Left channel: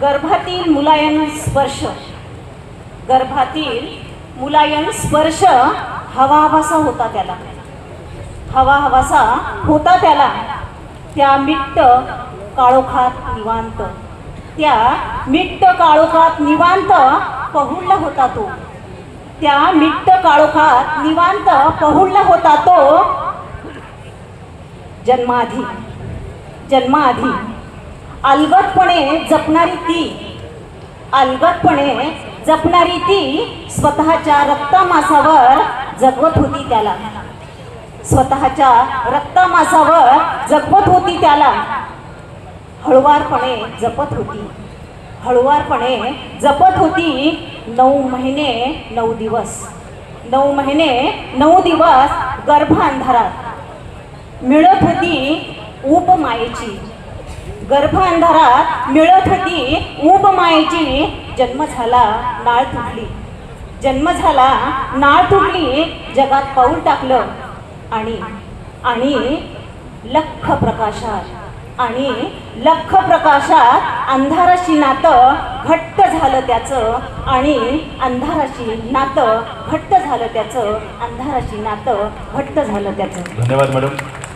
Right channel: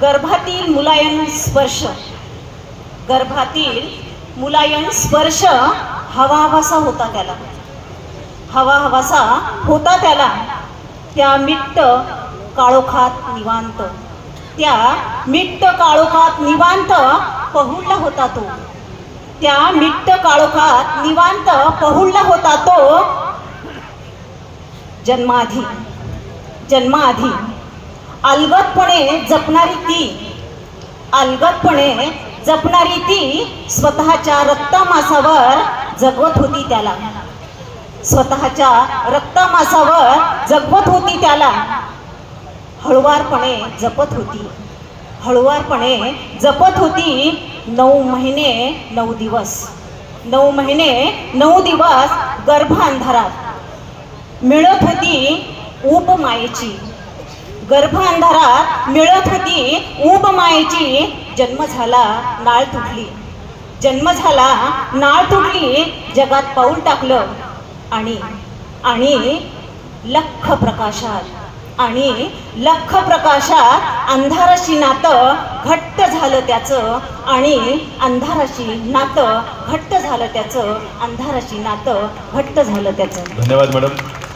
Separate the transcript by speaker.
Speaker 1: गर्भातील मुलायम स्पर्श. गर्भातील मुलायम स्पर्श हवा हवासा होता त्याला. हवा हवासा होता त्याला. त्या मिट्ट काळोखात निवांत. त्या मिट्ट काळोखात निवांत पहुडला होता तो. त्या मिट्ट काळोखात निवांत पहुडला होता तो जन्माधी. जन्माधी. अलगतपणे जपणारी ती. अलगतपणे जपणारी ती स्वतःच्या रक्तमासावर जगवत होती त्याला. स्वतःच्या रक्तमासावर जगवत होती त्याला. हळुवारपणे जपत होती. हळुवारपणे जपत होती नऊ महिने नऊ दिवस. नऊ महिने नऊ दिवस गर्भांधारात. मिळत होती उपमायेची. गर्भ अंधारात मिळत होती ऊब मायेची. जन्म झाला नाळ तुटली. जन्म झाला नाळ तुटली जगात पाऊल टाकलं. आणि आणि लख प्रकाशात आणि लख प्रकाशात अंधाराशी नातं घट्ट झालं त्याचं आणि अंधाराशी नातं घट्ट झालं त्याचं अंधाराशी नातं घट्ट झालं त्याचं.
Speaker 2: धन्यवाद मॅडम.